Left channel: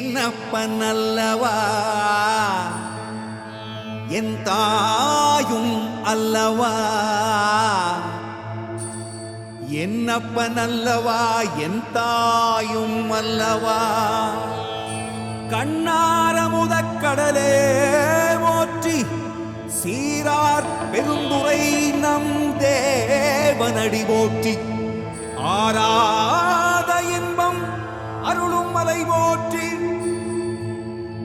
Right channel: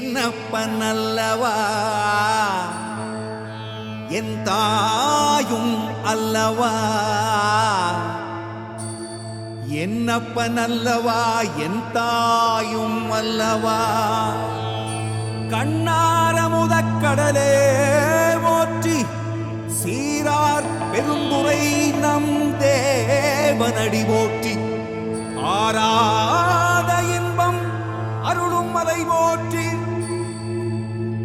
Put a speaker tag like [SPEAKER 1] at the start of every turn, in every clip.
[SPEAKER 1] என்னப்ப நல்லவா என் தாயும் அல்லவா? என்னப்ப நல்லவா என் தாயும் அல்லவா? கண்ணாரமுதக்கடலே ஓற்றி சீரார் பெருந்துரை நம் தேவனடி போற்றி. ஆராத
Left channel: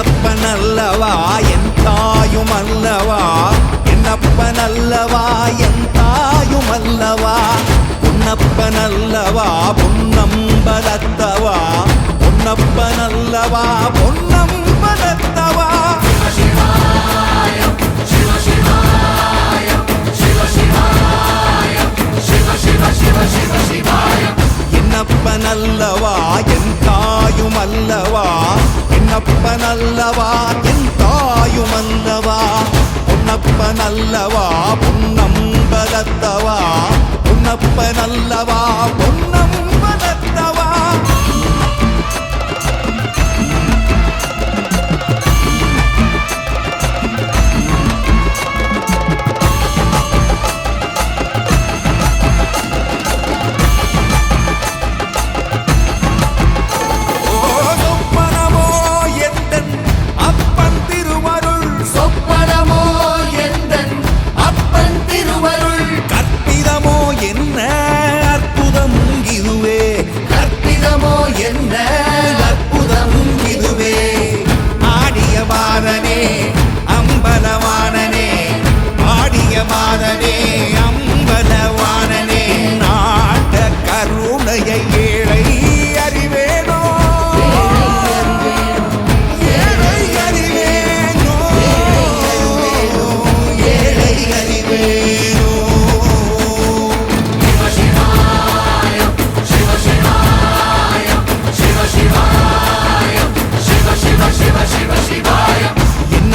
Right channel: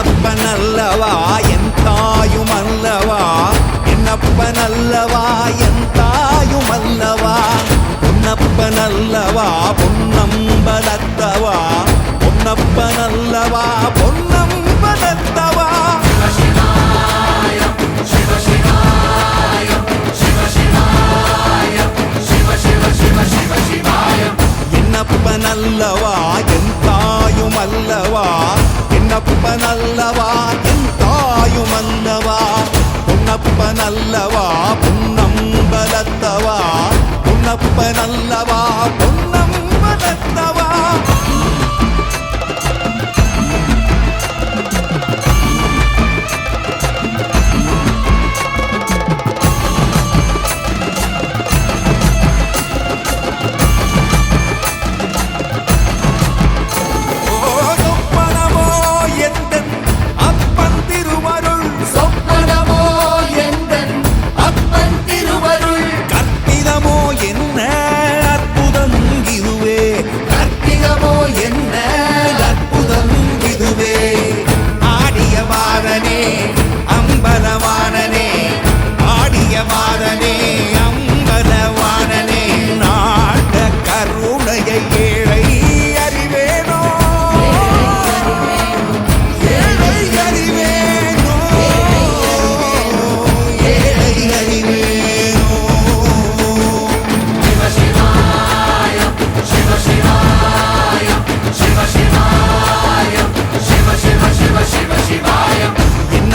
[SPEAKER 1] என்னப்பனல்லவா என் தாயும் அல்லவா? என்னப்பனல்லவா என் தாயும் அல்லவா? பொன்னப்பனல்லவா பொன்னம்பலத்தவா? பொன்னப்பனல்லவா பொன்னம்பலத்தவா? என்னப்பனல்லவா என் தாயும் அல்லவா? என்னப்பனல்லவா என் தாயும் அல்லவா பொன்னப்பனல்லவா பொன்னம்பலத்தவா? பொன்னப்பனல்லவா பொன்னம்பலத்தவா? என்ன அற்புதம் இதுவே? ஆடிய பாதனே அம்பலவானனே ஆடிய பாதனே அம்பலவானனே நாட கருணையை ஏழை அறிவேனோ?